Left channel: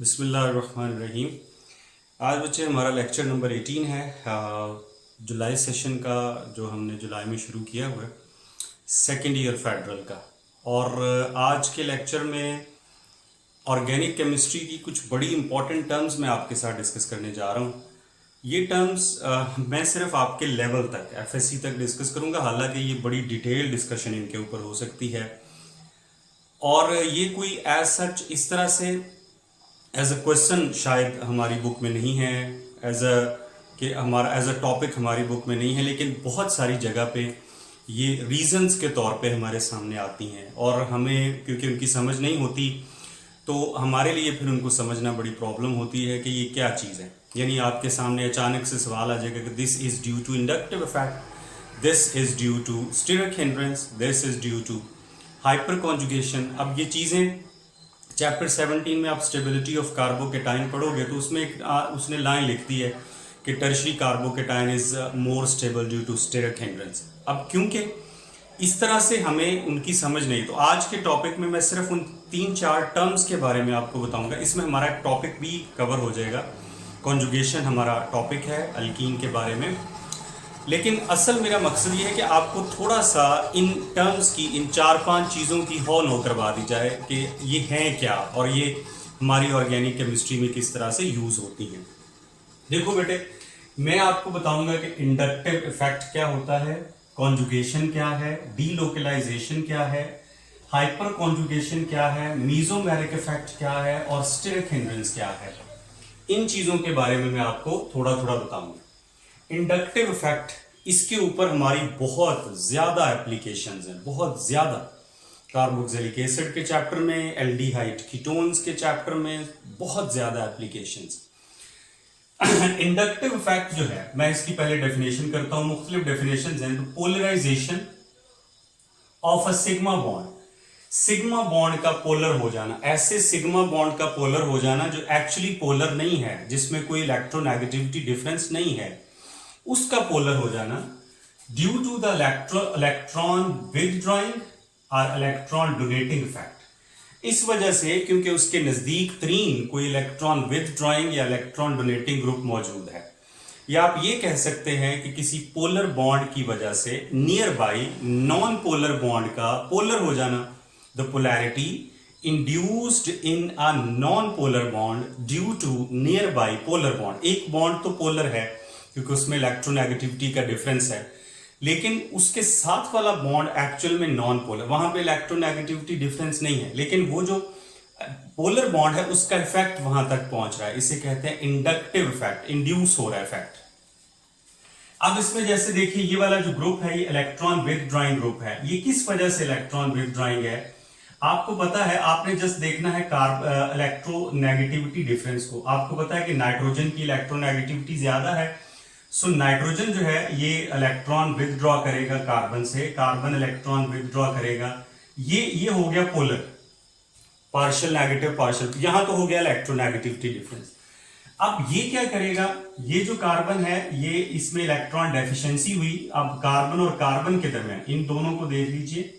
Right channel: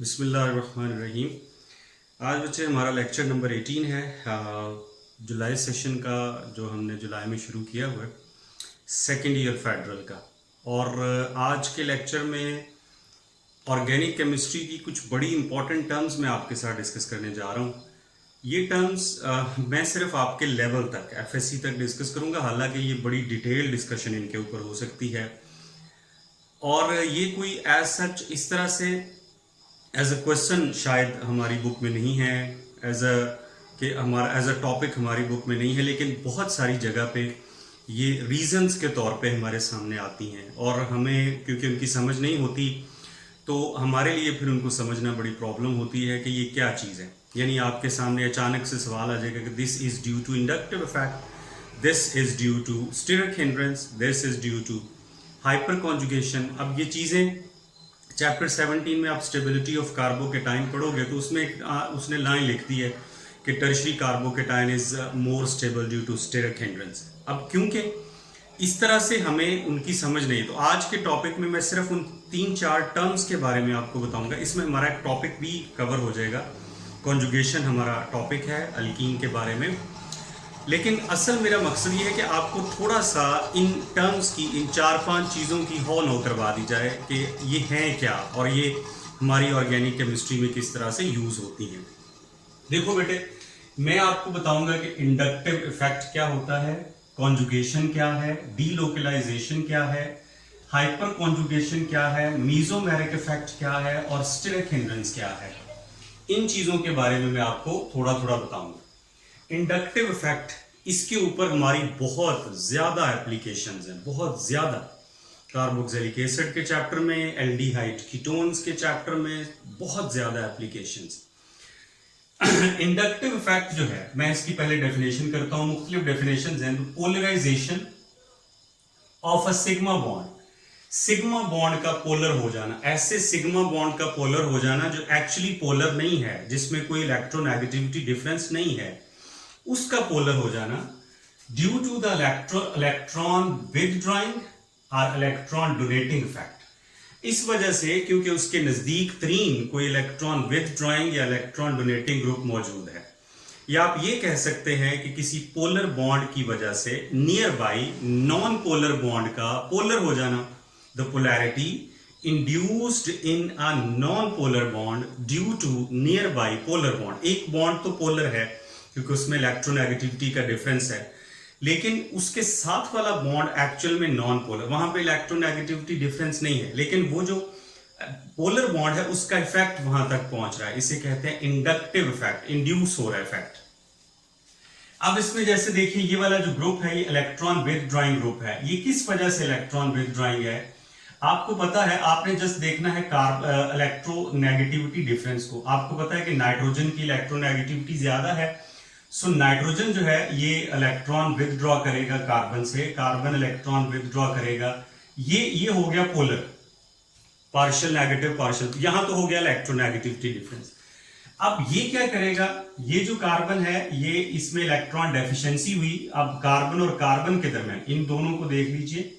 बिस्मिल्लाहिर्रहमानिर्रहीम। आज बच्चे हमारा लेक्चर नंबर 18 है। जुलाई सेशन का जो हमने जुलाई में शुरू किया हुआ है सेकेंड ईयर फेडरल का। और आज के लेक्चर में ऑर्गेनिक केमिस्ट्री की कुछ बड़ी इंपॉर्टेंट टर्म्स मैं आपके साथ डिस्कस करने जा रहा हूँ। ये टर्म्स मैं सिर्फ आपके लेवल तक एफएससी तक डिस्कस करूँगा, हालांकि ये बड़ी डिटेल डिस्कशन इनके ऊपर हो सकती है। और ये कोई एज सच इस तरह से एज अ क्वेश्चन शायद हमारी बुक में नहीं है, एज अ कि हमारा एज अ टॉपिक हमारी बुक में नहीं है, लेकिन बहुत सारी जगह पे ये रीजंस के तौर पे हमारे सामने आती हैं और हमें क्योंकि उनकी समझ नहीं होती तो हमारे लिए फिर उनको समझना बड़ी प्रॉब्लम होती है कि ये क्या चीज़ है। यानी आपके सामने अचानक से सवाल आ जाएगा कि this is due to inductive effect, this is due to steric hindrance, this is due to hyperconjugation. अब ये चीज़ें चैप्टर 17 में आप स्टेबिलिटी ऑफ कार्बोकेटाइन पढ़ोगे तो उसमें उसने लाइन लिख दी है कि tertiary carbocation is more stable due to steric hindrance. अब क्योंकि इस तरह से हमें उनकी समझ नहीं, तो आज के टॉपिक में मैं सिर्फ उन 3-4 टर्म्स के बारे में आपको बताऊंगा। इसमें हमारा एक टॉपिक भी कवर हो जाएगा, कॉन्जुगेशन हमारा टॉपिक है अल्कीन के बारे में। लेकिन असल मेरा मकसद ये है कि आपको थोड़ा सा इन टर्म्स की, इन 4-5 चीज़ों की हॉल नो करवा दी जाए कि ये हैं क्या और ये हमारी ऑर्गेनिक केमिस्ट्री में किस तरह से यूज़ होती हैं। देखो बेटे, मैं आपको बताऊंगा कि इंडक्टिव इफेक्ट क्या होता है, कॉन्जुगेशन क्या है, डीलोकलाइजेशन क्या है, हाइपर कॉन्जुगेशन क्या है, मीजोमेरिक इफेक्ट क्या है और स्टीरिक हिंड्रेंस क्या है। इन चीज़ों के बारे में मैं आपको थोड़ा थोड़ा बताऊंगा। इंडक्टिव इफेक्ट, इसके ऊपर हमारी बहुत ज्यादा एप्लीकेशंस हैं, बहुत ज्यादा। कार्बोक्सिलिक एसिड के चैप्टर में, एल्डिहाइड कीटोन्स के चैप्टर में बहुत ज्यादा एप्लीकेशंस। इंडक्टिव इफेक्ट जो है, मैं इसकी पहले डेफिनेशन करता हूं, मुख्तलिफ डेफिनेशंस हैं। तो polarization of a sigma bond, sigma bond का पोलर हो जाना, ऐसे सिग्मा बॉन्ड का पोलर हो जाना जो एक्चुअली पोलर नहीं है, जिसमें कोई इलेक्ट्रोनेगेटिविटी डिफरेंस नहीं है, उसका पोलर हो जाना due to the electron withdrawing और इलेक्ट्रॉन डोनेटिंग इफेक्ट। इस वजह से क्योंकि उसके नजदीक तरीन कोई इलेक्ट्रॉन विथड्रॉइंग या इलेक्ट्रॉन डोनेटिंग ग्रुप मौजूद है, या आप ये कह सकते हैं कि किसी पोलर बॉन्ड की वजह से nearby non polar bond का पोलर हो जाना, the polarity induced in a non polar bond due to nearby polar bond. एक बॉन्ड तो पोलर है क्योंकि उसमें इलेक्ट्रोनेगेटिविटी का डिफरेंस है, लेकिन उसके साथ वाला बॉन्ड एक्चुअल में नॉन पोलर, वहां पे इलेक्ट्रोनेगेटिविटी डिफरेंस नहीं है, लेकिन वो जो पोलर बॉन्ड है उसका इफेक्ट वहां तक पहुंच रहा है। इसे कहते हैं इंडक्टिव इफेक्ट, इंड्यूस हो रहा है इफेक्ट। अब इसमें जैसे देखिए, ये वाला जो ग्रुप है ये इलेक्ट्रॉन विथड्रॉइंग ग्रुप है। ये किस वजह से इलेक्ट्रॉन विथड्रॉइंग है आपको पता है, आपने जस्ट देखना है इलेक्ट्रोनेगेटिविटी डिफरेंस को। आपको पता है कि नाइट्रोजन की इलेक्ट्रोनेगेटिविटी ज्यादा है, सो नाइट्रोजन जो है ये इलेक्ट्रॉन विथड्रॉ करेगा कार्बन से, कार्बन इलेक्ट्रॉन विथड्रॉ करेगा। ये हो गया पोलर, पार्शियल नेगेटिव पार्शियल, यहां तो हो गया इलेक्ट्रोनेगेटिविटी डिफरेंस। अब ये क्या करेगा, ये जो कार्बन है ये इसमें इलेक्ट्रॉन डेफिशिएंसी हुई। अब कार्बन और कार्बन के दरमियान, इन दोनों को देख लीजिए,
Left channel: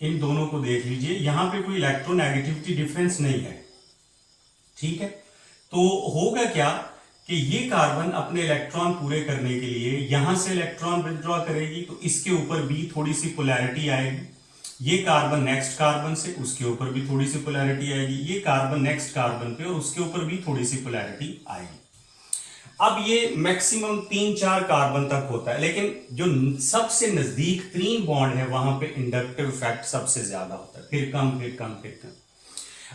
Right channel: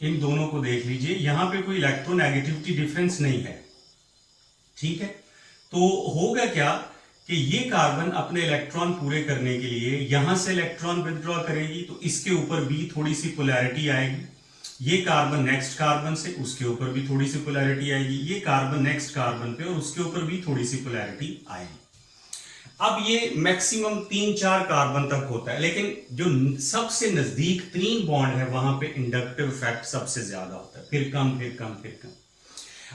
इन दोनों को देख लीजिए, यहां पे कोई इलेक्ट्रोनेगेटिविटी डिफरेंस नहीं है, ठीक है। तो होगा क्या कि ये कार्बन अपने इलेक्ट्रॉन पूरे करने के लिए यहां से इलेक्ट्रॉन विथड्रॉ करेगी, तो इसके ऊपर भी थोड़ी सी पोलैरिटी आएगी। ये कार्बन नेक्स्ट कार्बन से, उसके ऊपर भी थोड़ी सी पोलैरिटी आएगी। ये कार्बन नेक्स्ट कार्बन पे, और उसके ऊपर भी थोड़ी सी पोलैरिटी आएगी। अब ये मैक्सिमम 3-4 कार्बन तक होता है, लेकिन जो सबसे नजदीक 3 बॉन्ड है वहां पे इंडक्टिव इफेक्ट सबसे ज्यादा होता है, फिर कम फिर कम फिर कम।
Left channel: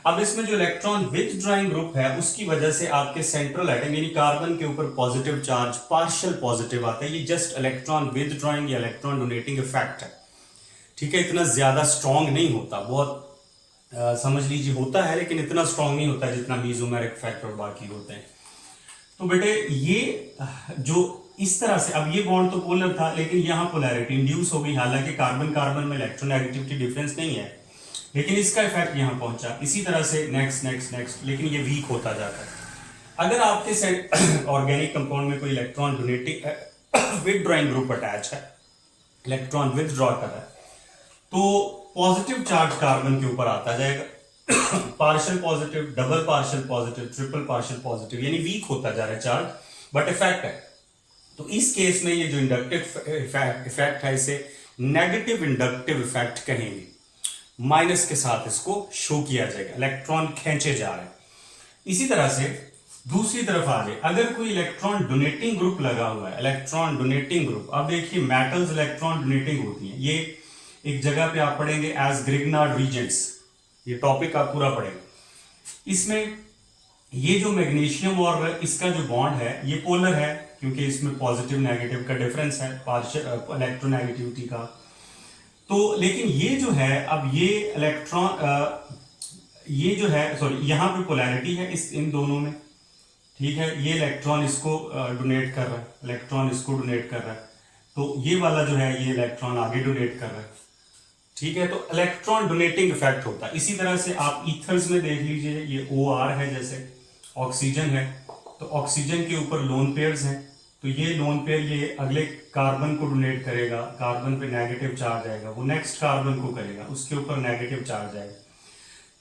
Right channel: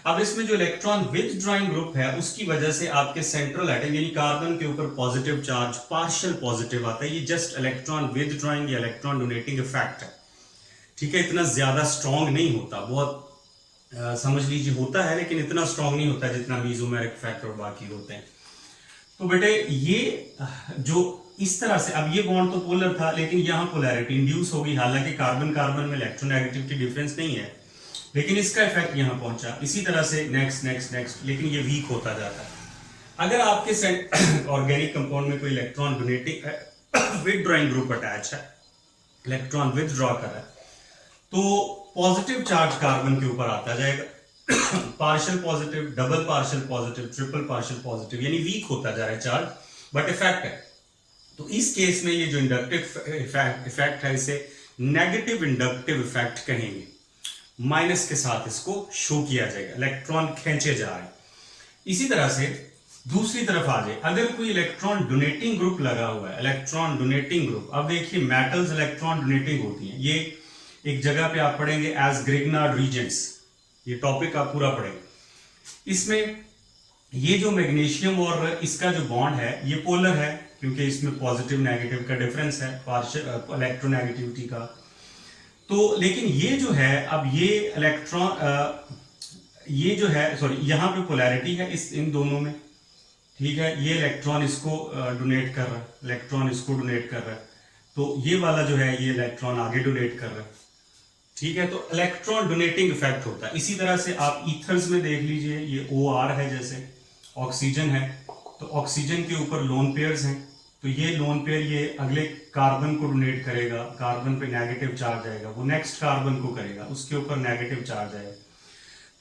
अब इसमें जो इलेक्ट्रॉन विथड्रॉइंग ग्रुप है उसकी वजह से आपके सेंट्रल एटम यानी कार्बन के ऊपर पॉजिटिव चार्ज पार्शियल पॉजिटिव आता है। ये जस्ट इलेक्ट्रॉन विथड्रॉइंग या इलेक्ट्रॉन डोनेटिंग इफेक्ट है, ठीक है। इतना ज्यादा स्ट्रॉन्ग नहीं होता, बहुत समझ लीजिए होता है, लेकिन इतना स्ट्रॉन्ग नहीं होता जितना मीजोमेरिक इफेक्ट और बाकी होते हैं। तो बेटे ये जो इस तरह से, अब ये बॉन्ड तो पोलर था लेकिन यहां पोलैरिटी इंड्यूस हो गई, हालांकि कार्बन कार्बन में इलेक्ट्रोनेगेटिविटी डिफरेंस नहीं है, लेकिन इसका इफेक्ट यहां पहुंचा। इसी तरह से नेक्स्ट नेक्स्ट नेक्स्ट, लेकिन ये वीक होता जाता है। अगर आपके ऑर्गेनिक कंपाउंड में कोई electron donating withdrawing group attach है, इलेक्ट्रॉन विथड्रॉ कर रहा है, तो पॉजिटिव चार्ज कार्बन के ऊपर आता जाएगा, partial positive, double partial positive, triple partial positive, यानी वीक होता जा रहा है चार्ज, बट इफेक्ट है। तो इस केस में ये जो इंडक्टिव इफेक्ट है इसे नेगेटिव इंडक्टिव इफेक्ट कहेंगे। माइनस के साथ इसको शो किया जाएगा, इलेक्ट्रॉन खींचे जा रहे हैं। इसी तरह से दूसरी तरफ आ जाए, अगर कोई इलेक्ट्रॉन डोनेटिंग ग्रुप लगा हुआ है, इलेक्ट्रॉन डोनेटिंग ग्रुप, अब देखिए मेटल्स इलेक्ट्रॉन डोनेटिंग होती है, ये एक जगह पे आप पढ़ेंगे एज ग्रिग्नार्ड रीजेंट्स, ये टॉपिक आप पूरा पढ़ेंगे। इसमें ये जो मैग्नीशियम और इसका जो बॉन्ड है ये पोलर है, क्योंकि इसमें पॉजिटिव नेगेटिव का डिफरेंस है, पार्शियल इलेक्ट्रोनेगेटिविटी का। तो लेकिन ये जो है, अब ये इलेक्ट्रॉन ये जो है, सॉरी, यहाँ पे पोलैरिटी है इस इन दोनों में, ठीक है। ये इलेक्ट्रॉन इसको डोनेट कर रहा है, इलेक्ट्रॉन इसको डोनेट कर रहा है, तो ये वाला जो है ये इलेक्ट्रॉन आगे डोनेट कर रहा है, ठीक है। तो इलेक्ट्रॉन डोनेटिंग इफेक्ट होता है। इसी तरह से आप ईथर्स में देख लीजिए, ये OR है, जैसे ऑक्सीजन है, तो ऑक्सीजन के ऊपर लोन पेयर्स हैं, तो ये लोन पेयर ये अगले कार्बन को डोनेट करेगा, कार्बन पे नेगेटिव चार्ज आएगा, वो नेक्स्ट कार्बन को करेगा, उसके ऊपर नेगेटिव चार्ज आएगा।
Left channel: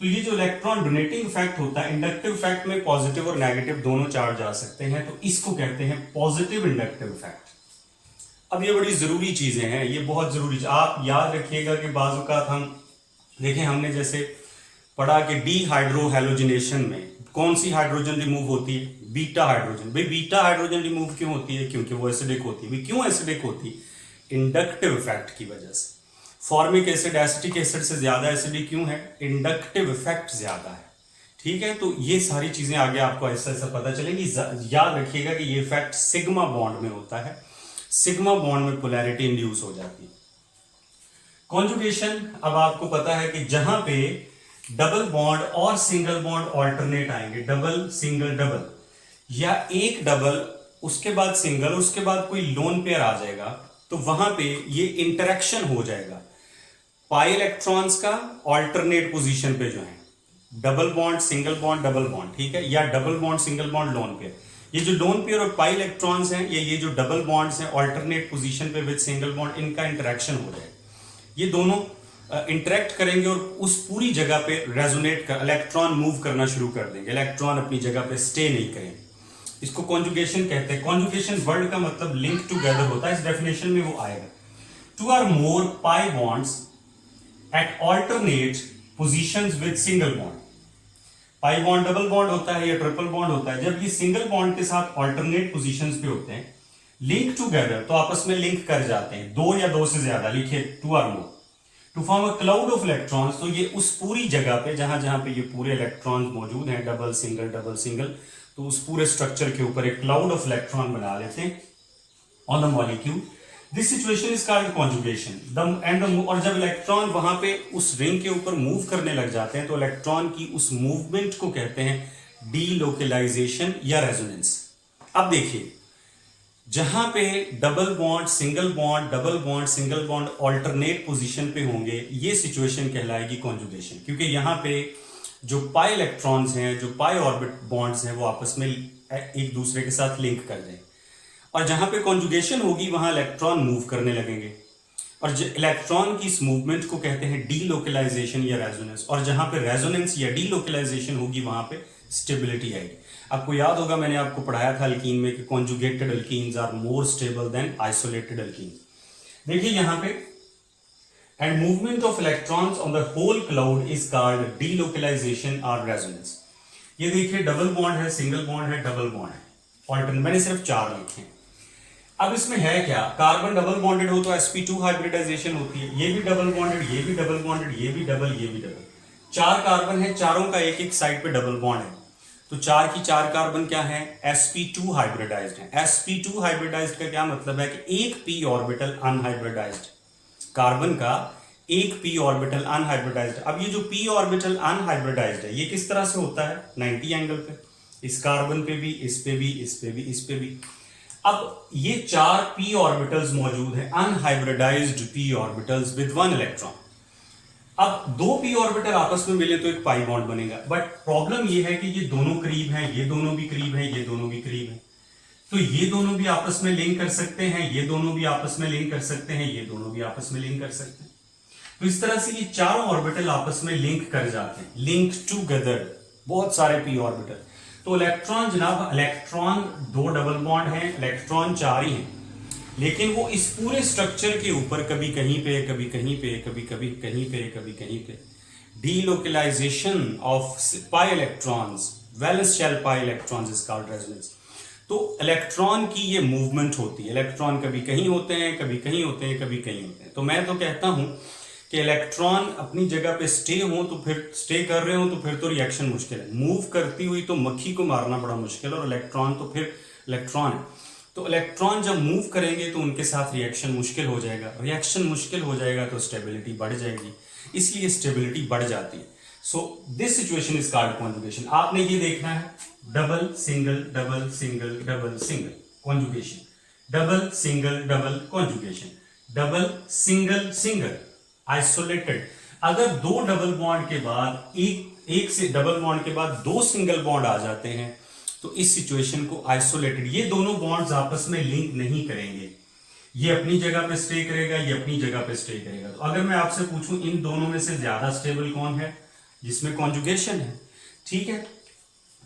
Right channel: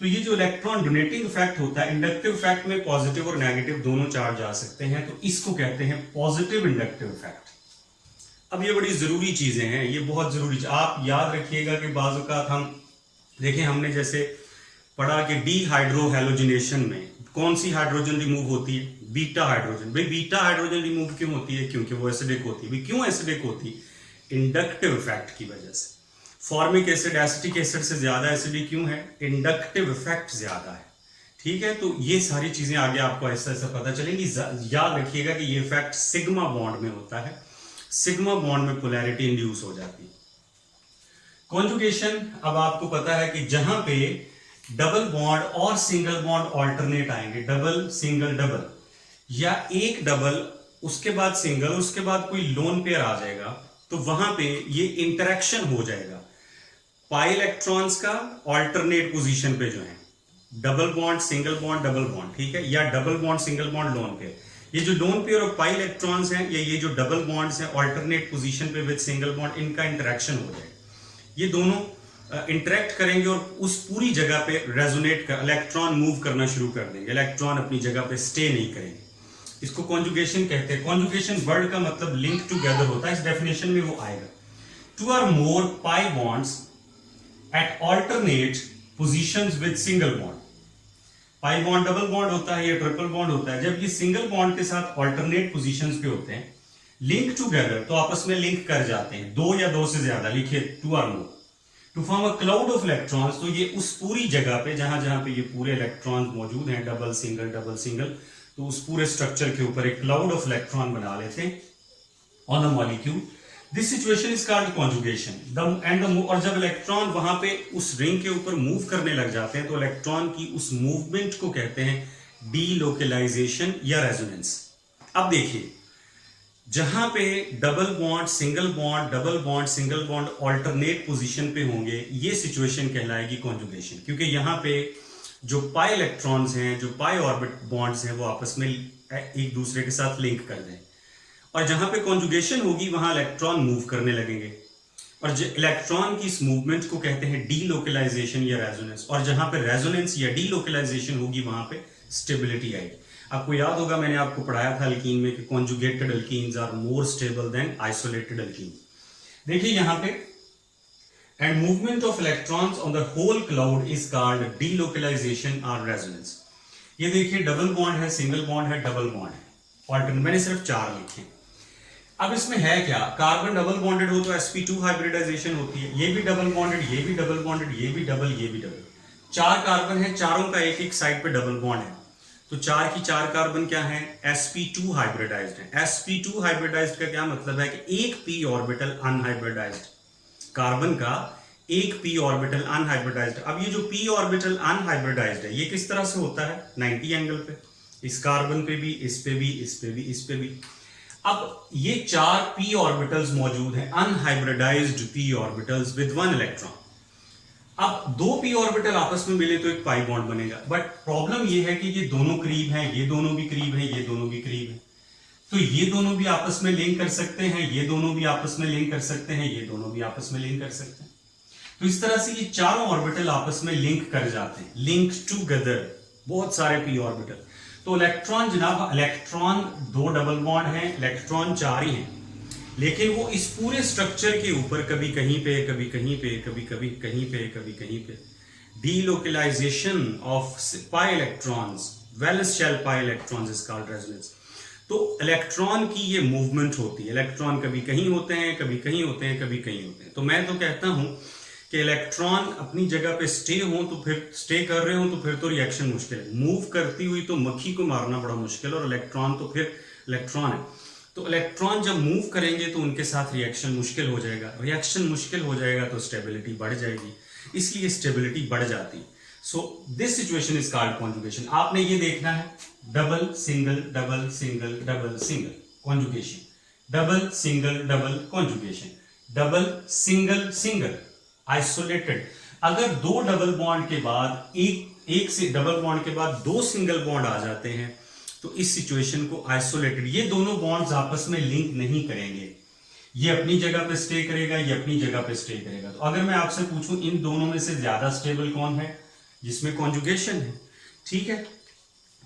तो ये जो इलेक्ट्रॉन डोनेटिंग इफेक्ट होता है, इंडक्टिव इफेक्ट में पॉजिटिव और नेगेटिव दोनों चार्ज आ सकते हैं, तो इसको कहते हैं पॉजिटिव इंडक्टिव इफेक्ट। अब ये बड़ी जरूरी चीजें हैं, ये बहुत जरूरी, आप याद रखिएगा कि बाज़ औक़ात हम देखें, हमने जैसे पढ़ा कि डीहाइड्रोहैलोजिनेशन में कौन सी हाइड्रोजन रिमूव होती है, बीटा हाइड्रोजन। भाई बीटा हाइड्रोजन रिमूव क्यों होती है, क्योंकि वो एसिडिक होती है। भाई क्यों एसिडिक होती है, इंडक्टिव इफेक्ट की वजह से। फॉर्मिक एसिड एसिटिक एसिड से ज्यादा एसिडिक क्यों है, इंडक्टिव इफेक्ट ज्यादा है, ठीक है। तो ये सारी चीजें आगे आपको ऐसा ऐसा पता चलेंगी। याद रखिएगा कि ये इफेक्ट सिग्मा बॉन्ड में होता है, सिग्मा बॉन्ड में पोलैरिटी इंड्यूस हो जाती है। कॉन्जुगेशन, अब आपको पता है कि जहां पे डबल बॉन्ड और सिंगल बॉन्ड ऑल्टरनेट आएंगे, डबल सिंगल डबल, या एक डबल उसके बाद सिंगल, उसके बाद कोई लोन पेयर आ जाएगा, तो वहां पे ये इंटरेक्शन हो जाएगा पाई इलेक्ट्रॉन्स का ऑल्टरनेट पोजीशन पे, जो है double bond single bond double bond, ठीक है, या double bond single bond lone pair. ये जो लोन पेयर और पाई इलेक्ट्रॉन्स हैं, ये जो डबल बॉन्ड्स हैं ऑल्टरनेट पोजीशन पे विद सिंगल बॉन्ड, इनका इंटरेक्शन हो जाएगा। ये दोनों इंटरेक्ट करेंगे और उस पूरी जगह पे रेजोनेट कर, इलेक्ट्रॉन मूव करना शुरू कर देंगे, इलेक्ट्रॉन अपनी जगह पे स्टे नहीं करेंगे। इसको कॉन्जुगेशन कहते हैं। कॉन्जुगेशन वर्ड का मतलब लिंक टुगेदर होता है, इस डेफिनेशन में वो आएगा। Two or more pi bonds at alternate positions with single bond. Pi bond double bond होता है या ट्रिपल बॉन्ड होता है, जब ये सिंगल बॉन्ड के साथ ऑल्टरनेट पोजीशंस पे होते हैं, लिंक टुगेदर, तो आपस में लिंक कर जाते हैं, दो या दो से ज्यादा, लिखिए two or more, to form a cloud of electrons. तो ये उस पूरी जगह पे जहां जहां पे ये पूरे इलेक्ट्रॉन्स मौजूद हैं, डबल सिंगल, तो उस पूरे स्ट्रक्चर के ऊपर एक क्लाउड ऑफ इलेक्ट्रॉन बना लेते हैं on the molecule. This situation is called conjugation. और जब इलेक्ट्रॉन वहां पे उस रिंग के ऊपर मूव करने लग जाते हैं, तो इलेक्ट्रॉन की उस मूवमेंट को कहते हैं डीलोकलाइजेशन या रेजोनेंस। अब देखिए, जहां पे double bond single bond double bond single bond alternate position पे होंगे, ये सिचुएशन कहलाएगी कॉन्जुगेशन, क्योंकि यहां पे जो पाई इलेक्ट्रॉन्स हैं, जो पाई ऑर्बिट बॉन्ड्स हैं, वो आपस में एक दूसरे के साथ लिंक कर दें। और जहां पे कॉन्जुगेशन होगी वहां इलेक्ट्रॉन मूव करने लगेंगे, और इलेक्ट्रॉन की इस मूवमेंट को कहते हैं डीलोकलाइजेशन या रेजोनेंस। और जहां पे रेजोनेंस या डीलोकलाइजेशन होगी वहां पे स्टेबिलिटी आएगी। आपको याद होगा, मैंने आपको पढ़ाया था अल्कीन में कि conjugated alkenes are more stable than isolated alkene. देखिए यहां पे, and movement of electrons on the whole cloud is called delocalization और रेजोनेंस। ये देखिए, डबल बॉन्ड है, सिंगल बॉन्ड है, डबल बॉन्ड है, ऑल्टरनेट, मैंने सिर्फ 4 लिखे। अब इसमें है क्या, कार्बन डबल बॉन्डेड हो तो sp2 हाइब्रिडाइजेशन होती है, ये भी डबल बॉन्डेड, ये भी डबल बॉन्डेड, ये भी डबल, ये भी डबल। 4 कार्बन है, चारों का एक एक साइड पे डबल बॉन्ड है, तो 4 की 4 कार्बन क्या है, sp2 हाइब्रिडाइज्ड है। sp2 हाइब्रिडाइज्ड का क्या मतलब है कि एक p ऑर्बिटल अनहाइब्रिडाइज्ड, कार्बन का एक p ऑर्बिटल अनहाइब्रिडाइज्ड। अब ये जो p ऑर्बिटल अनहाइब्रिडाइज्ड है, ये किस तरह से होता है, 90 एंगल पे, इस कार्बन पे भी, इस पे भी, इस पे भी, इस पे भी। अब ये 4 p ऑर्बिटल्स मौजूद हैं, unhybridised p orbitals with 1 electron. अब 2 p ऑर्बिटल आपस में मिले तो एक पाई बॉन्ड बनेगा, बट प्रॉब्लम ये है कि ये दोनों करीब हैं, ये दोनों भी करीब हैं, ये दोनों भी करीब हैं, तो ये दोनों भी आपस में लिंक कर सकते हैं, ये दोनों भी आपस में लिंक कर सकते हैं, ये दोनों भी आपस में लिंक कर सकते हैं। तो इस तरह से ये चारों ऑर्बिटल आपस में लिंक कर जाते हैं, लिंक टूगेदर, बहुत सारे पी ऑर्बिटल। तो इलेक्ट्रॉन जनाब, इलेक्ट्रॉन 2 डबल बॉन्ड हैं, इलेक्ट्रॉन 4 ही हैं, लेकिन वो इस पूरे स्ट्रक्चर के ऊपर कभी कहीं पे, कभी कहीं पे, कभी कभी कहीं पे, कभी कहीं पे, delocalization of pi electrons, valence shell pi electrons is called resonance. तो इलेक्ट्रॉन की ये मूवमेंट होती है, इलेक्ट्रॉन कभी कहीं होते हैं, कभी कहीं होते हैं, कभी कहीं होते हैं। तो मैं तो कहता हूं कि इलेक्ट्रॉन अपनी जगह पे स्टे हो तो फिर स्टे कर रहे हो तो फिर तो रिएक्शन मुश्किल है, मूव करती हुई तो मक्खी को मारना बड़ा मुश्किल है, और इलेक्ट्रॉन तो फिर इलेक्ट्रॉन है। तो इलेक्ट्रॉन जब मूव करेंगे तो उनके साथ रिएक्शन मुश्किल हो जाएगा, रिएक्शन मुश्किल हो जाएगा तो स्टेबिलिटी बढ़ जाएगी, इसलिए स्टेबिलिटी बढ़ जाती है। So this situation is called conjugation. आपने ये देखना है double single double single double single conjugation, double single double conjugation, double single single isolated. अगर 2 डबल बॉन्ड के बाद एक से डबल बॉन्ड के बाद 2 सिंगल बॉन्ड आ जाते हैं तो इस सिचुएशन को आइसोलेटेड, ये दोनों बॉन्ड्स आपस में लिंक नहीं करेंगे, ये अपनी जगह पे स्टे करेगा, ये अपनी जगह पे स्टे करेगा। तो अगर मैं आपसे पूछूं इन दोनों में से ज्यादा स्टेबल कौन है, जिसमें कॉन्जुगेशन है, ठीक है,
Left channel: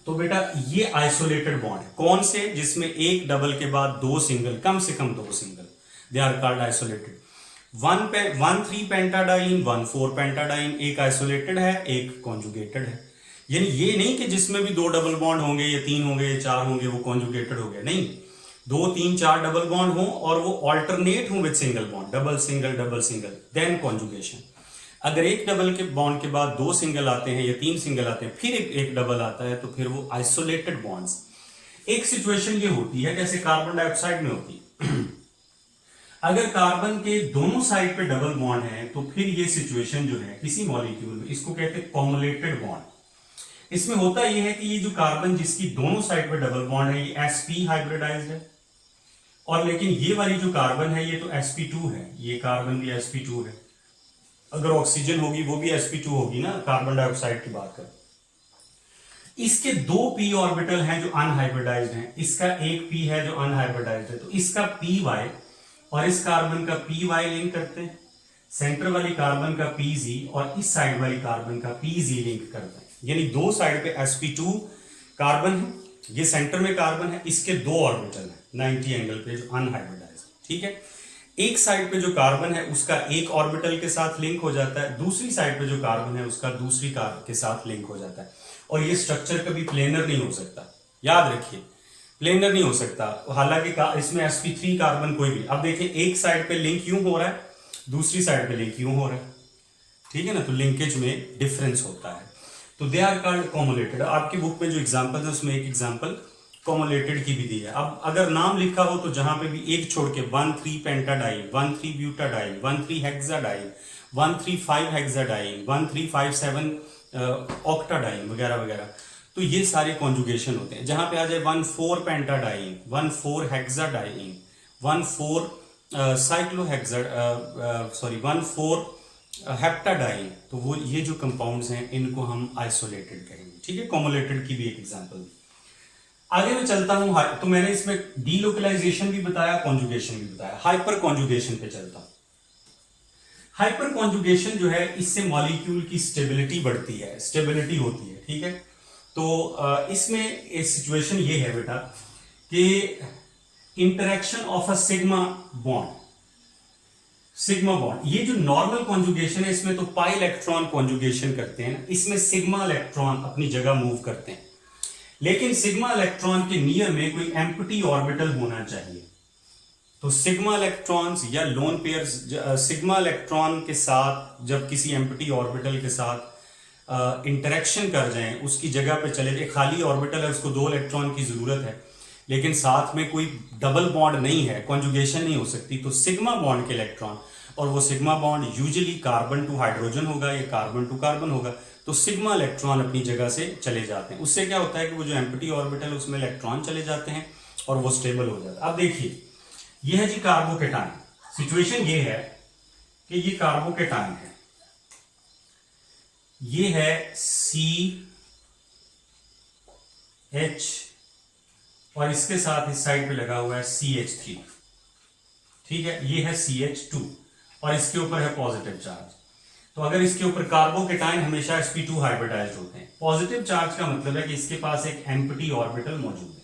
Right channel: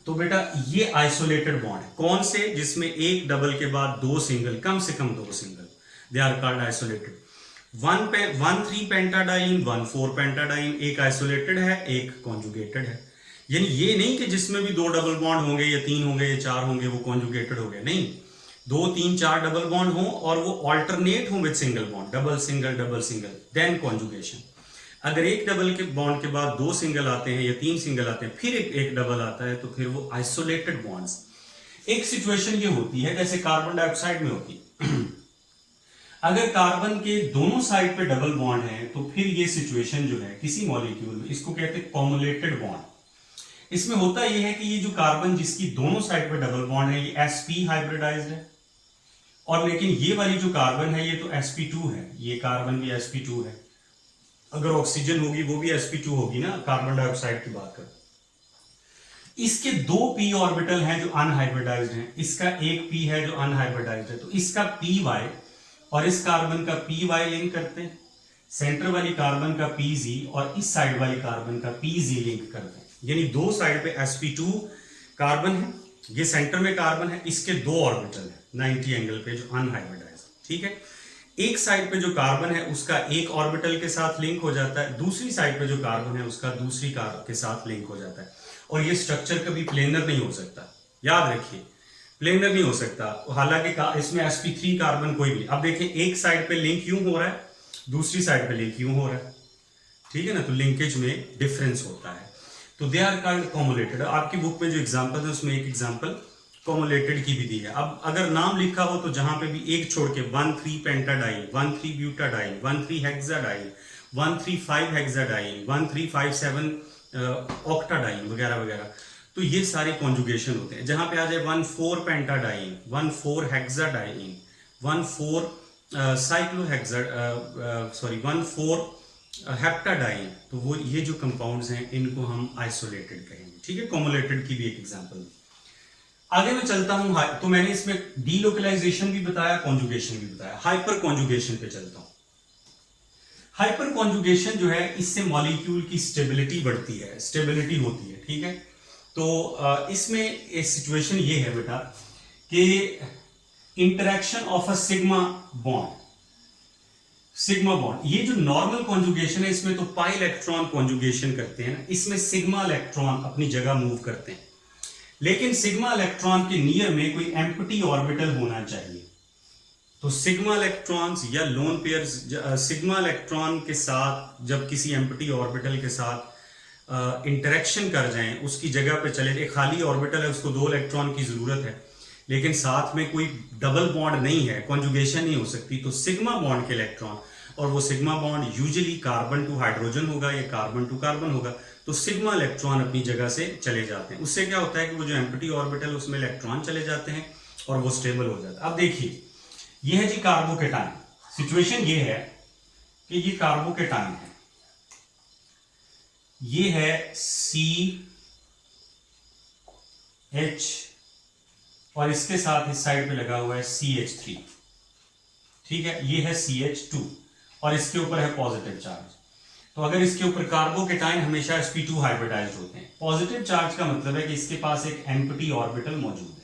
तो बेटा ये आइसोलेटेड बॉन्ड है। कौन से? जिसमें एक डबल के बाद 2 सिंगल, कम से कम 2 single, they are called isolated. 1,3 pentadiene, 1,4 pentadiene, एक आइसोलेटेड है, एक कॉन्जुगेटेड है। यानी ये नहीं कि जिसमें भी 2 डबल बॉन्ड होंगे या 3 होंगे या 4 होंगे वो कॉन्जुगेटेड हो गया, नहीं, 2, 3, 4 डबल बॉन्ड हो और वो ऑल्टरनेट हो with single bond, double single, then conjugation. अगर एक डबल के बॉन्ड के बाद 2 सिंगल आते हैं या 3 सिंगल आते हैं, फिर एक डबल आता है, तो फिर वो आइसोलेटेड बॉन्ड्स। एक सिचुएशन ये होती है जैसे कार्बन डाइऑक्साइड में होती है अगर कार्बन के दोनों साइड पे डबल बॉन्ड है तो फिर ये सिचुएशन जो है किसी मॉलिक्यूल में, इसको कहते हैं कॉमुलेटेड बॉन्ड। इसमें होता यह है कि ये जो कार्बन जिसकी दोनों साइड पे डबल बॉन्ड है ये sp हाइब्रिडाइज्ड है, और लेकिन ये वाली जो कार्बन है ये तो sp2 है, ये कार्बन भी sp2 है। अगर ऑक्सीजन होगी वो भी sp2 होगी ना, कार्बन डाइऑक्साइड की बात कर। इसके 2 p ऑर्बिटल हैं जो अनहाइब्रिडाइज्ड हैं, इसका एक p है जो अनहाइब्रिडाइज्ड है, तो इसका py और इस कार्बन का py लिंक करते हैं, सेंटर वाली कार्बन का pz और इस साइड वाली कार्बन का pz लिंक करते हैं। यानी 2 साइड पे sp2 कार्बन है, ये सेंटर में कार्बन है, इसके 2 ऑर्बिटल है 90 एंगल पे जो अनहाइब्रिडाइज्ड, ठीक है। एक साइड पे जो कार्बन है उसका एक ऑर्बिटल के साथ लिंक हो जाता है, दूसरी साइड पे जो कार्बन है उसका दूसरी के साथ लिंक हो जाता है, और ये स्ट्रक्चर कभी प्लेनर नहीं हो सकता, याद रखिए, प्लेनर नहीं हो सकता। हालांकि इसमें sp3 कार्बन कोई भी, अब देखिए एक साइड पे लिंक यूं हो रहा है, दूसरी साइड पे लिंक यूं हो रहा है, ठीक है ना, तो लिंकेज में डिफरेंस होता है, तो दे आर कॉल्ड कॉमुलेटेड। आपकी बुक में जो एग्जांपल है उसमें एक एग्जांपल कॉमुलेटेड की भी दी है। अब अगर नाम लिखा हो तो जहां पे भी एक छोड़ के 1,3 पेंटाडाइन, 1,3 ब्यूटाडाइन, 1,3 हेक्साडाइन, 1,3 हेक्साडाइन, 1,3 ऑक्टाडाइन वगैरह वगैरह, तो ये सारे कॉन्जुगेशन होते हैं। जहां पे आ जाए 1,4 पेंटाडाइन, 1,4 हेक्साडाइन, 1,4 साइक्लोहेक्सा, सॉरी 1,4 हेप्टाडाइन, तो वो ये जो कंपाउंड्स हैं इनको हम आइसोलेटेड कहेंगे, ठीक है। कॉमुलेटेड की भी एक एग्जांपल। आगे मैं चलता हूं, तो मैंने इसमें डीलोकलाइजेशन भी बताया, कॉन्जुगेशन भी बताया, हाइपर कॉन्जुगेशन पे चलता हूं। हाइपर कॉन्जुगेशन जो है इससे मॉलिक्यूल की स्टेबिलिटी बढ़ती है, स्टेबिलिटी होती है, ठीक है। तो इसमें एक सिचुएशन ये है बेटा कि interaction of a sigma bond, sigma bond, ये जो नॉर्मल कॉन्जुगेशन है इसमें तो पाई इलेक्ट्रॉन कॉन्जुगेशन करते हैं ना, इसमें सिग्मा इलेक्ट्रॉन अपनी जगह मूव करते हैं, लेकिन सिग्मा इलेक्ट्रॉन के नियर में कोई एम्प्टी ऑर्बिटल होना चाहिए। तो सिग्मा इलेक्ट्रॉन्स या लोन पेयर्स सिग्मा इलेक्ट्रॉन के साथ जब किसी एम्प्टी ऑर्बिटल के साथ इंटरेक्शन कर जाएं, उसकी जगह पे चले जाए, खाली ऑर्बिटल है उसको 2 इलेक्ट्रॉन की जरूरत है, लेकिन साथ में कोई डबल बॉन्ड नहीं है, कॉन्जुगेशन नहीं हो सकती, तो सिग्मा बॉन्ड के इलेक्ट्रॉन, और वो sigma bond usually carbon to hydrogen होगा या कार्बन टू कार्बन होगा, तो सिग्मा इलेक्ट्रॉन अपनी जगह से चले जाते हैं। उससे क्या होता है कि वो जो एम्प्टी ऑर्बिटल है उसमें इलेक्ट्रॉन चले जाते हैं और वो स्टेबल हो जाता है। अब देखिए ये है जी कार्बोकेटाइन, सिचुएशन ये है कि ये कार्बोकेटाइन है, ये है CH और इसके साथ इस साइड पे लगा हुआ है CH3, ठीक है, ये है CH2 और इसके ऊपर है पॉजिटिव चार्ज। तो अगर इसके ऊपर कार्बोकेटाइन हमेशा sp2 हाइब्रिडाइज्ड होते हैं। पॉजिटिव चार्ज का मतलब है कि इसके पास एक एम्प्टी ऑर्बिटल मौजूद है,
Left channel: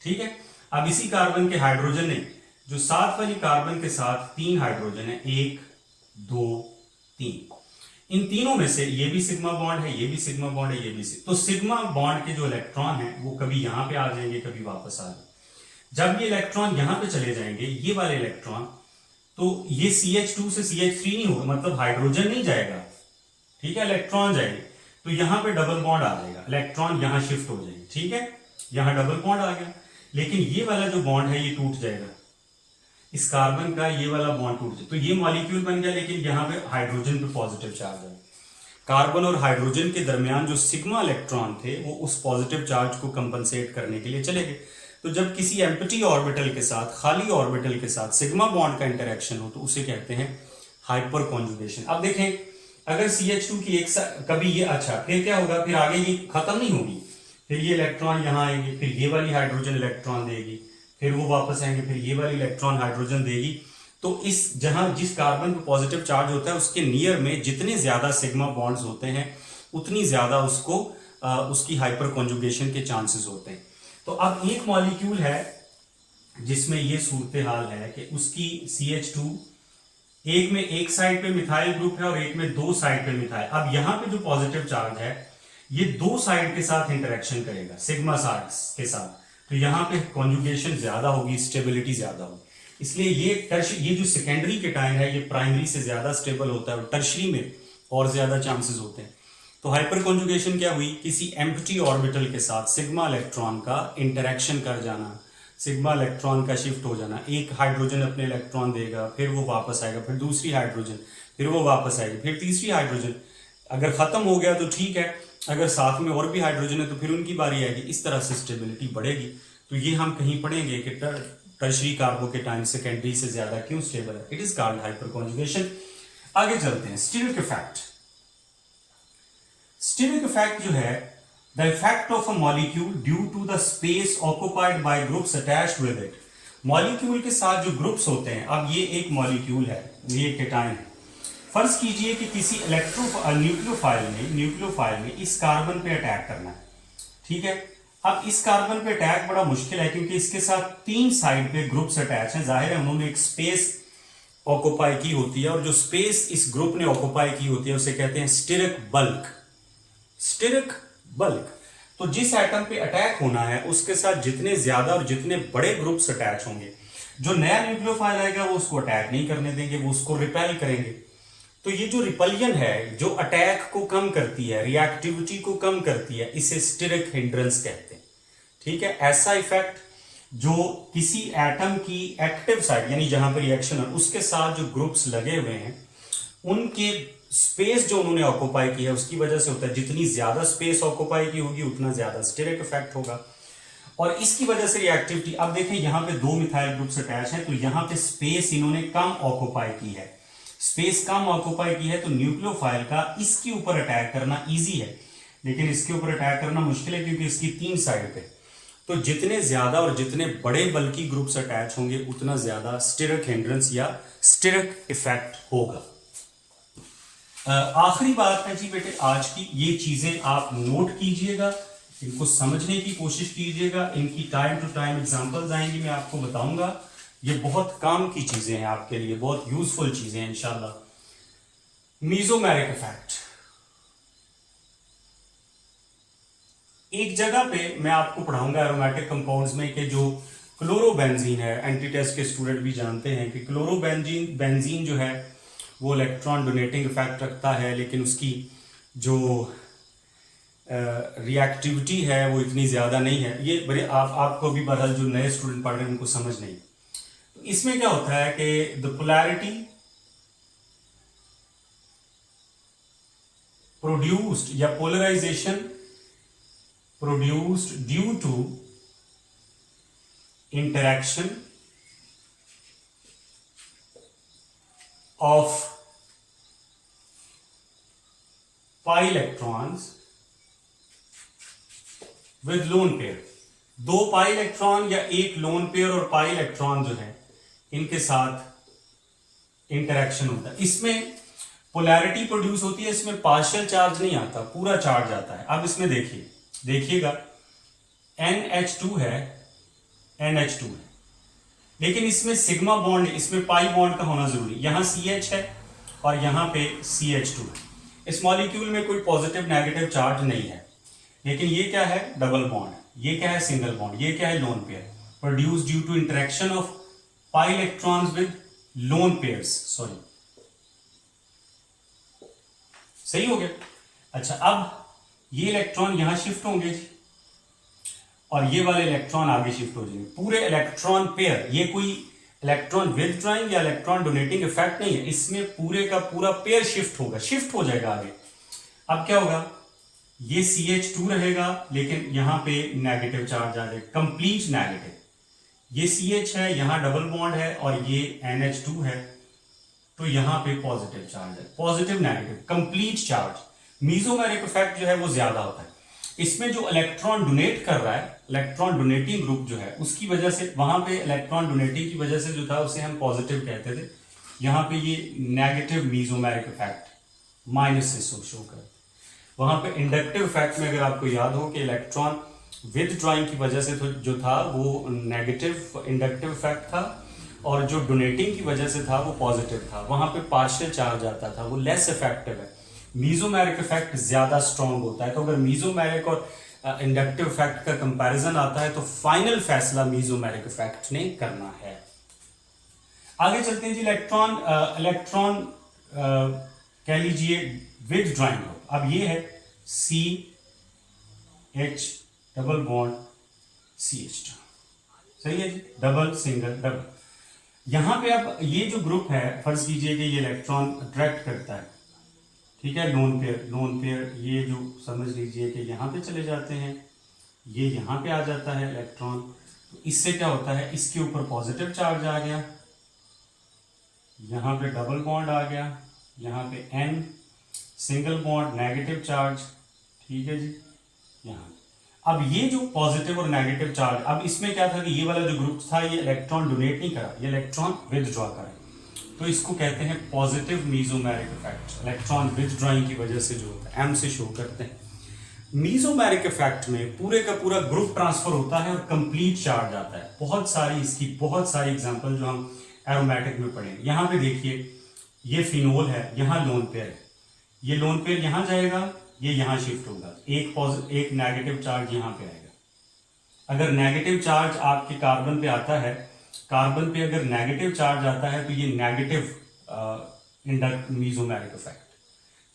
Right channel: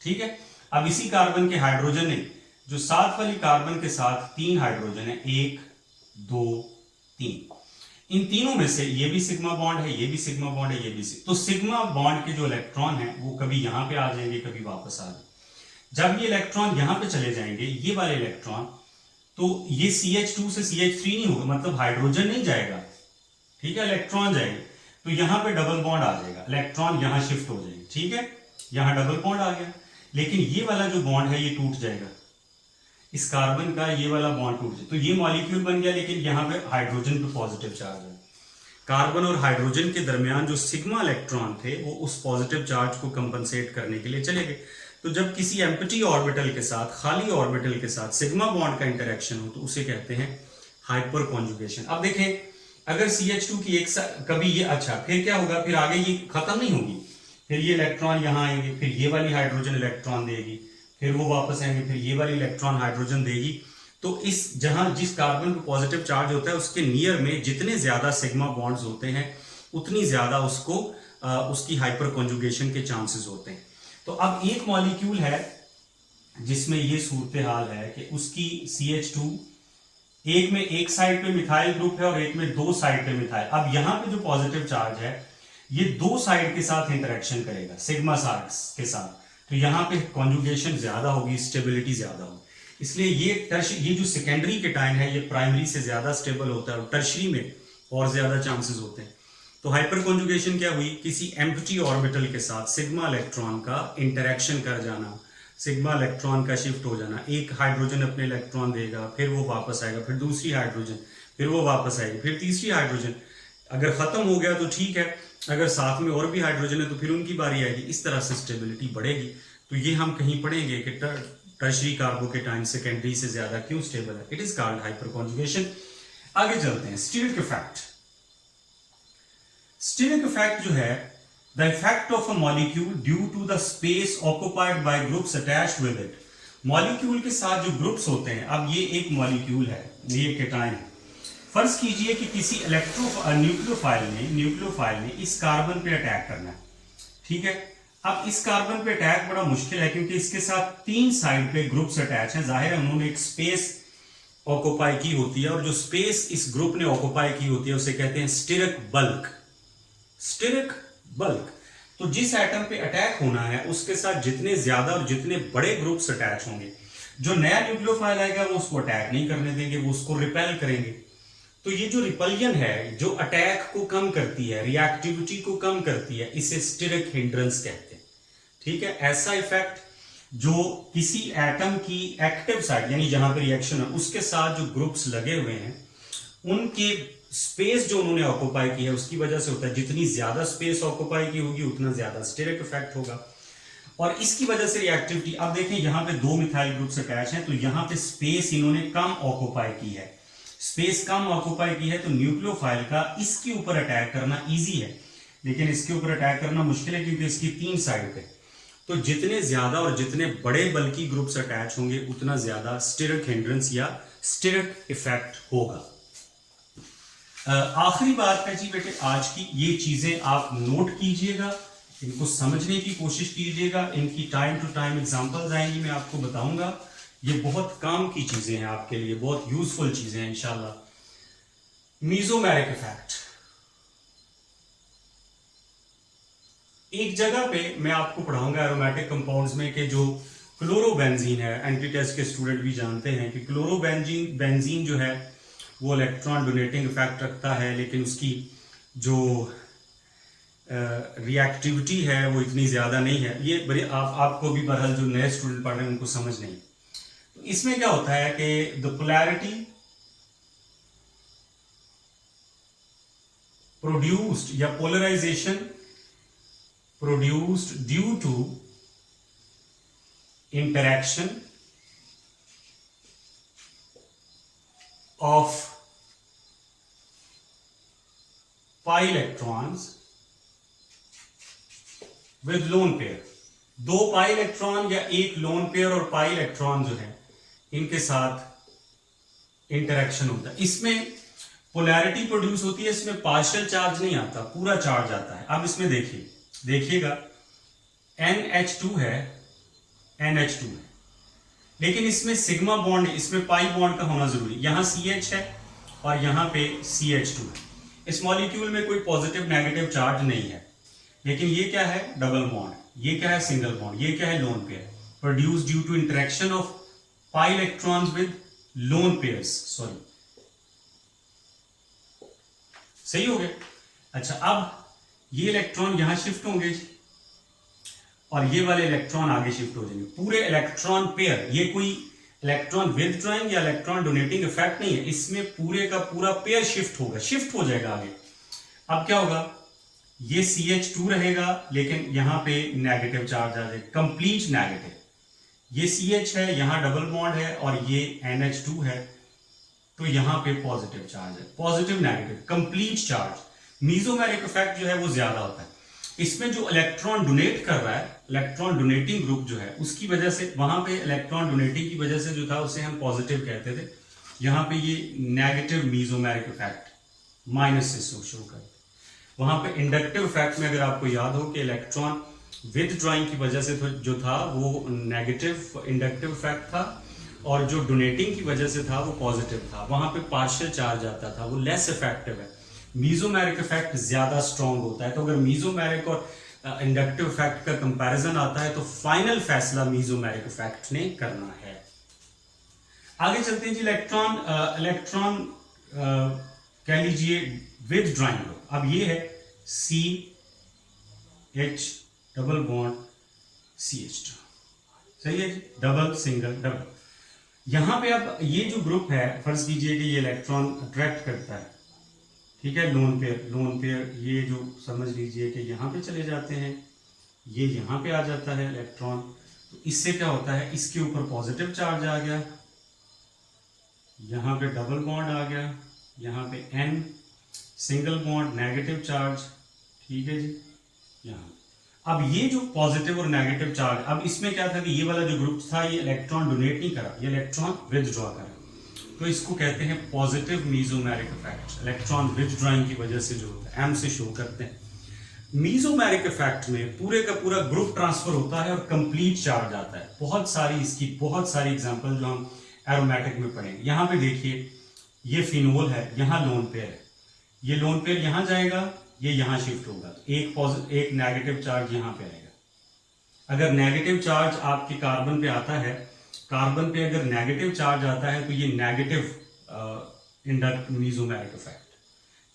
ठीक है। अब इसी कार्बन के हाइड्रोजन नहीं, जो साथ वाली कार्बन के साथ 3 हाइड्रोजन है, 1 2 3, इन तीनों में से ये भी सिग्मा बॉन्ड है, ये भी सिग्मा बॉन्ड है, ये भी तो सिग्मा बॉन्ड के जो इलेक्ट्रॉन है वो कभी यहां पे आ जाएंगे, कभी वापस आ जाएंगे। जब ये इलेक्ट्रॉन यहां पे चले जाएंगे, ये वाले इलेक्ट्रॉन, तो ये CH2 से CH3 नहीं होगा, मतलब हाइड्रोजन नहीं जाएगा, ठीक है, इलेक्ट्रॉन जाएंगे, तो यहां पे डबल बॉन्ड आ जाएगा, इलेक्ट्रॉन यहां शिफ्ट हो जाएंगे, ठीक है, यहां डबल बॉन्ड आ गया। लेकिन ये वाला जो बॉन्ड है ये टूट जाएगा, इस कार्बन का ये वाला बॉन्ड टूट जाए, तो ये मॉलिक्यूल बन गया, लेकिन यहां पे हाइड्रोजन पे पॉजिटिव चार्ज है। कार्बन और हाइड्रोजन के दरमियान जो सिग्मा इलेक्ट्रॉन थे वो उस पॉजिटिव चार्ज को कंपनसेट करने के लिए चले गए। तो जब किसी एम्प्टी ऑर्बिटल के साथ, खाली ऑर्बिटल के साथ सिग्मा बॉन्ड का इंटरेक्शन हो तो उसे कहते हैं हाइपर कॉन्जुगेशन। अब देखें, अगर CH2 की एक कभी ये, अच्छा फिर क्या होगा, फिर आगे ये खत्म नहीं होगी, फिर ये इलेक्ट्रॉन यहां आएंगे, फिर ये वाली हाइड्रोजन इलेक्ट्रॉन देगी, फिर वो वापस आएंगे, फिर ये वाली इलेक्ट्रॉन हाइड्रोजन देगी। तो इस जहां जिस कार्बन पे पॉजिटिव चार्ज होता है उसके नियर में जितने ज्यादा सिग्मा बॉन्ड्स होते हैं उतनी ज्यादा उसको उसकी हाइपर कॉन्जुगेशन के चांसेस होते हैं। तो अब एक मॉलिक्यूल है जिसमें ये सूरत हाल है कि उसकी CH2 एक में एक साइड पे मिथाइल ग्रुप है और एक में 2 साइड पे मिथाइल। अब यहां पे जो पॉजिटिव चार्ज है ये 2 साइड के साथ इंटरेक्शन करेगा, सिग्मा साइड्स के साथ, तो यहां पे कॉन्जुगेशन ज्यादा होगी, स्टेबिलिटी ज्यादा होगी। इसलिए ये जो सेकेंडरी केटाइन है ये प्राइमरी से ज्यादा स्टेबल होता है और टर्शरी में और ज्यादा चांसेस होते हैं। तो हाइपर कॉन्जुगेशन क्या हुई, किसी एम्प्टी ऑर्बिटल के साथ सिग्मा इलेक्ट्रॉन का इंटरेक्शन कर जाना, सिग्मा इलेक्ट्रॉन का शिफ्ट हो जाना, एक हाइड्रोजन अपने इलेक्ट्रॉन देगा, फिर वो वापस आएगा, फिर दूसरी हाइड्रोजन, फिर वो वापस आएगी, फिर तीसरी हाइड्रोजन, अगर खत्म हो गया तो ठीक है, अगर साथ में और भी हाइड्रोजन है तो फिर उनकी बारी आएगी, इस तरह से स्टेबिलिटी बढ़ेगी। तो ये हम कहीं पढ़ेंगे कि टर्शरी कार्बोकेटाइन सेकेंडरी से ज्यादा क्यों स्टेबल है, it is called hyperconjugation. आगे चलते हैं, स्टीरिक इफेक्ट। स्टीरिक इफेक्ट जो है, the effect of a molecule due to the space occupied by groups attached with it. Molecule के साथ जो ग्रुप्स होते हैं, अब ये एक मॉलिक्यूल है, ये केटाइन है, फर्ज कीजिए कि किसी न्यूक्लियोफाइल ने इस कार्बन पे अटैक करना है, ठीक है। अब इस कार्बन पे अटैक बड़ा मुश्किल है क्योंकि इसके साथ 3 साइड पे ग्रुप्स अटैच हैं, जाहिर है उन्होंने एक स्पेस ऑक्युपाई की होती है और जो स्पेस इस ग्रुप ने ऑक्युपाई की होती है उसे कहते हैं स्टीरिक बल्क। स्टीरिक बल्क, तो जिस एटम पे अटैक होना है उसके साथ जितने ज्यादा और जितने बड़े ग्रुप्स अटैच होंगे, जो नया न्यूक्लियोफाइल आएगा वो उसको अटैक नहीं करने देंगे, वो उसको रिपेल करेंगे। तो ये जो रिपलियन है, जो अटैक को कम करती है, रिएक्टिविटी को कम करती है, इसे स्टीरिक हिंड्रेंस कहते हैं, ठीक है। ऐसा इफेक्ट जो किसी एटम की एक्टिव साइड यानी जहां पे रिएक्शन है उसके साथ जो ग्रुप्स लगे हुए हैं उनके स्पेस जो उन्होंने ऑक्युपाई की है उसकी वजह से होता है। जितनी ज्यादा स्पेस ऑक्युपाई की होगी उतना ज्यादा स्टीरिक इफेक्ट होगा और इसकी वजह से रिएक्टिविटी। अब देखें यहां पे 2 मिथाइल ग्रुप्स अटैच हैं, तो यहां पे स्पेस इन्होंने कम ऑक्युपाई की है, स्पेस कम ऑक्युपाई की है, तो न्यूक्लियोफाइल का इसके ऊपर अटैक करना इजी है, लेकिन इसके ऊपर अटैक करना मुश्किल है क्योंकि इसकी 3 साइड है। तो जितने ज्यादा और जितने बड़े बल्कि ग्रुप्स अटैच होंगे उतना ज्यादा स्टीरिक हिंड्रेंस या स्टीरिक इफेक्ट होगा। आखिरी बात है जी बेटे आज की, ये चीजें आप नोट कीजिएगा, इनको समझने की कोशिश कीजिएगा, इनकी टाइम टू टाइम एग्जांपल्स आएंगी, मैं आपको बताऊंगा। ये बहुत काम की चीजें हैं आपके लिए, बहुत यूजफुल चीजें हैं इंशाल्लाह। मीजोमेरिक इफेक्ट, एक जगह पे मैं आपको पढ़ाऊंगा एरोमेटिक कंपाउंड्स में कि जो क्लोरोबेंजीन है, एंटी टेस्ट के स्टूडेंट भी जानते हैं कि क्लोरोबेंजीन जो है वो इलेक्ट्रॉन डोनेटिंग इफेक्ट रखता है, लेकिन उसकी जो रिएक्टिविटी है वो इतनी ज्यादा नहीं है। ये बड़े आपको भी बहरहाल जो नए स्टूडेंट पढ़ रहे हैं उनको समझ नहीं। तो इसमें क्या होता है कि द पोलैरिटी प्रोड्यूस्ड या polarization produced due to interaction of pi electrons with lone pair। 2 pi electron या एक लोन पेयर और पाई इलेक्ट्रॉन जो है इनके साथ इंटरेक्शन होता है। इसमें पोलैरिटी प्रोड्यूस होती है, इसमें पार्शियल चार्ज नहीं आता, पूरा चार्ज आता है। अब इसमें देखिएगा NH2 है, NH2 है, लेकिन इसमें सिग्मा बॉन्ड, इसमें पाई बॉन्ड का होना जरूरी। यहां CH है और यहां पे CH2 है। इस मॉलिक्यूल में कोई पॉजिटिव नेगेटिव चार्ज नहीं है, लेकिन ये क्या है, डबल बॉन्ड, ये क्या है, सिंगल बॉन्ड, ये क्या है, lone pair, produce due to interaction of pi electrons with lone pairs. Sorry, सही हो गया। अच्छा, अब ये इलेक्ट्रॉन यहां शिफ्ट होंगे जी, और ये वाले इलेक्ट्रॉन आगे शिफ्ट हो जाएंगे। पूरे इलेक्ट्रॉन पेयर, ये कोई इलेक्ट्रॉन विथड्रॉइंग या इलेक्ट्रॉन डोनेटिंग इफेक्ट नहीं है, इसमें पूरे का पूरा पेयर शिफ्ट होगा, शिफ्ट हो जाएगा आगे। अब क्या होगा, ये CH2 रहेगा, लेकिन यहां पे नेगेटिव चार्ज आ जाएगा, कंप्लीट नेगेटिव। ये CH है, यहां डबल बॉन्ड है, और ये NH2 है, तो यहां पे पॉजिटिव चार्ज है, positive negative complete charge. Mesomeric effect जो है वो ज्यादा होता है। इसमें जो इलेक्ट्रॉन डोनेट कर रहा है, इलेक्ट्रॉन डोनेटिंग ग्रुप जो है, उसकी वजह से, वहां पे इलेक्ट्रॉन डोनेटिंग की वजह से जो था उसे हम पॉजिटिव कहते थे, यहां पे ये नेगेटिव मीजोमेरिक इफेक्ट माइनस से शो करते। वहां पे इंडक्टिव इफेक्ट में अगर आपको याद हो कि इलेक्ट्रॉन विथड्रॉइंग की वजह से जो था वो नेगेटिव इंडक्टिव इफेक्ट था, और जो डोनेटिंग की वजह से था वो पॉजिटिव था, वहां पे पार्शियल चार्ज आता था, वो लेस इफेक्टिव है। मीजोमेरिक इफेक्ट ज्यादा स्ट्रांग होता है। तो अगर मीजोमेरिक और इंडक्टिव इफेक्ट का कंपैरिजन आता है तो फाइनल फैसला मीजोमेरिक इफेक्ट ने करना है। आगे चलते हैं जी, इलेक्ट्रॉन कह लीजिए विथड्रॉइंग ग्रुप। अब ये है CH डबल बॉन्ड CH2, सही है जी, डबल सिंगल डबल। यहां पे अब ये जो ग्रुप है, फर्ज कीजिए कि ये इलेक्ट्रॉन अट्रैक्ट करता है, ठीक है, लोन पेयर, ये जो समझ लीजिए कि यहां पे चले जाते हैं, ये यहां पे आ जाता है इलेक्ट्रॉन, तो इससे क्या होता है, इसके ऊपर पॉजिटिव चार्ज आ गया, यहां पे डबल बॉन्ड आ गया, यहां पे N single bond negative charge, ठीक है जी, यहां। अब ये जो पॉजिटिव और नेगेटिव चार्ज, अब इसमें क्या था कि ये वाला जो ग्रुप था ये इलेक्ट्रॉन डोनेट नहीं करा, ये इलेक्ट्रॉन विथड्रॉ करा, तो इसको कहते हैं positive mesomeric effect. Electron withdrawing की वजह से जो होता है, M से शो करते हैं। मीजोमेरिक इफेक्ट में पूरे का पूरा ग्रुप ट्रांसफर होता है और कंप्लीट चार्ज आता है। बहुत सारी एग्जांपल जो हम एरोमेटिक में पढ़ेंगे। यहां पे देखिए, ये फिनोल है, यहां लोन पेयर है, ये लोन पेयर यहां जाएगा, ये यहां शिफ्ट होगा, एक नेगेटिव चार्ज यहां पे आएगा। अगर नेगेटिव चार्ज आपके कार्बन पे आता है, कार्बन पे अगर नेगेटिव चार्ज आता है तो ये नेगेटिव इंडक्ट मीजोमेरिक इफेक्ट,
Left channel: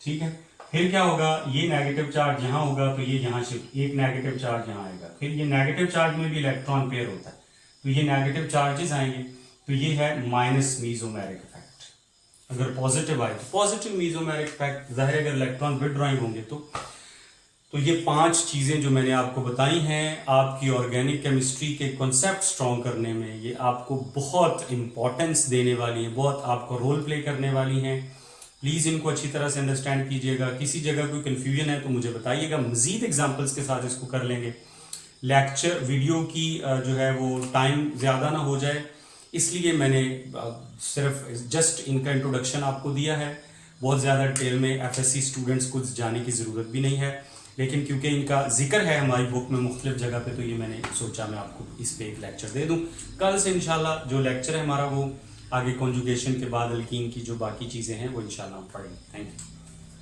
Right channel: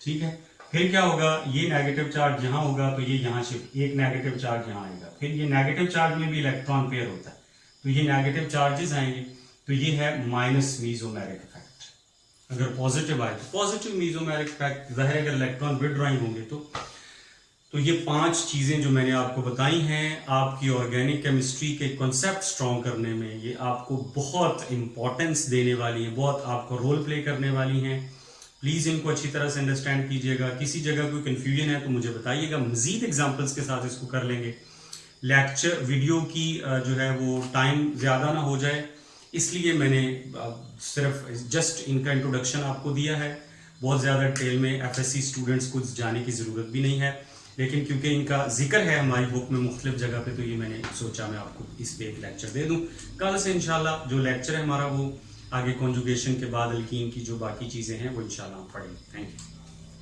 ठीक है। फिर क्या होगा, ये नेगेटिव चार्ज यहां होगा तो ये यहां शिफ्ट, एक नेगेटिव चार्ज यहां आएगा। फिर ये नेगेटिव चार्ज में भी इलेक्ट्रॉन पेयर होता है, तो ये नेगेटिव चार्जेस आएंगे, तो ये है माइनस मीजोमेरिक इफेक्ट। अगर पॉजिटिव आए तो पॉजिटिव मीजोमेरिक इफेक्ट, जाहिर है अगर इलेक्ट्रॉन विथड्रॉइंग होंगे तो ये 5 चीजें जो मैंने आपको बताई हैं, आपकी ऑर्गेनिक केमिस्ट्री के कॉन्सेप्ट स्ट्रॉन्ग करने में ये आपको बहुत इंपॉर्टेंस देने वाली है, बहुत आपको रोल प्ले करने वाली हैं। प्लीज़ इनको अच्छी तरह से अंडरस्टैंड कीजिएगा। किसी जगह कोई कन्फ्यूजन है तो मुझे बताइएगा, मज़ीद एग्जांपल्स के साथ इसको कर लेंगे। लेक्चर वीडियो की जो है वो टाइम ज़्यादा ना हो जाए, इसलिए मैंने सिर्फ जस्ट इनका इंट्रोडक्शन आपको दिया है। बहुत ज़्यादा डिटेल में FSC स्टूडेंट्स को जाने की ज़रूरत भी नहीं है, लेकिन क्योंकि इनका जिक्र है हमारी बुक में मुख्तलिफ जगह पे, तो ये मैंने सोचा मैं आपको इस पे एक लेक्चर दे दूं। कल से इंशाल्लाह जो लेक्चर है हमारा वो आगे कॉन्जुगेशन के बाद अल्कीन की जो बाकी चीज़ें हैं वो इंशाल्लाह हम पढ़ेंगे। Thank you.